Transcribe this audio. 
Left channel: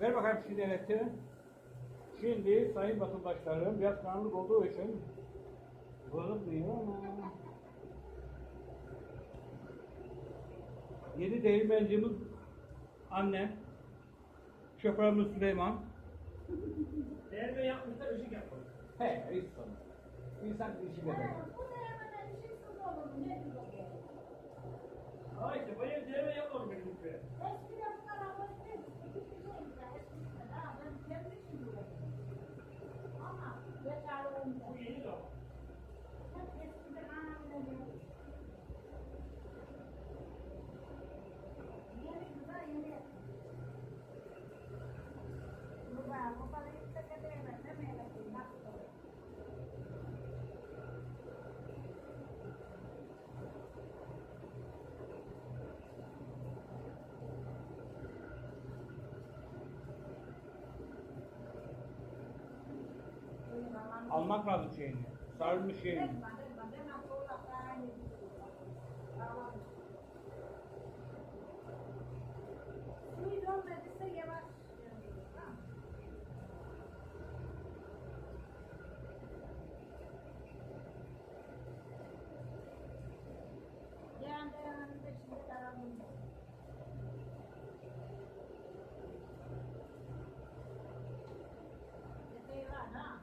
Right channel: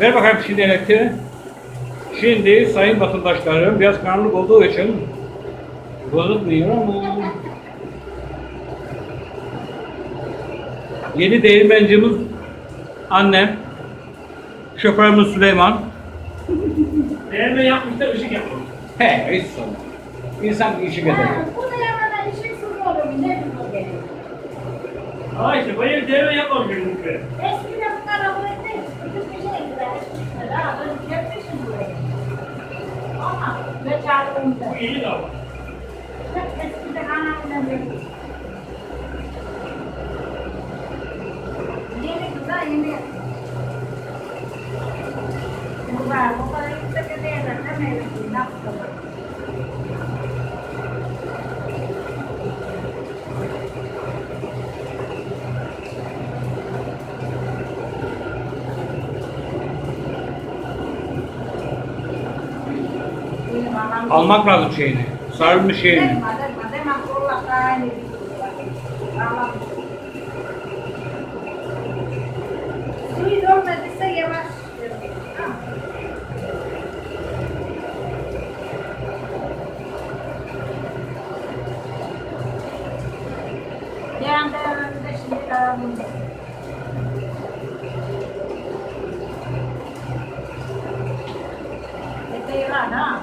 Ver bakayım şimdi elektriği. Şimdi sayın vatandaşlarım biraz karanlık olduğu için bozulmuyor ama yeni değirmencimiz annem şoförümüz Süleyman Değerme yapmışlar, ışık yapmamış. he hiç sorun. İnsan işi kadar. Bu da yamadan işin suru olur. Ne bu geliyor? Ama işte bu ev değerme yapmamış. Eskiden bunlar abone Bütün ne çağırdım da. Bu iyi de ama. Eskiden anamla böyle. Yeni güzel yeni. Bu var, bu kadar yüksek değerler de mevcut. Ne yapalım? Benim anam- Almak lazım şeyini. Sarılmış şeyini. Suyu dolmadıysa yavaş. Yarın devamında şimdi. Epey var ha.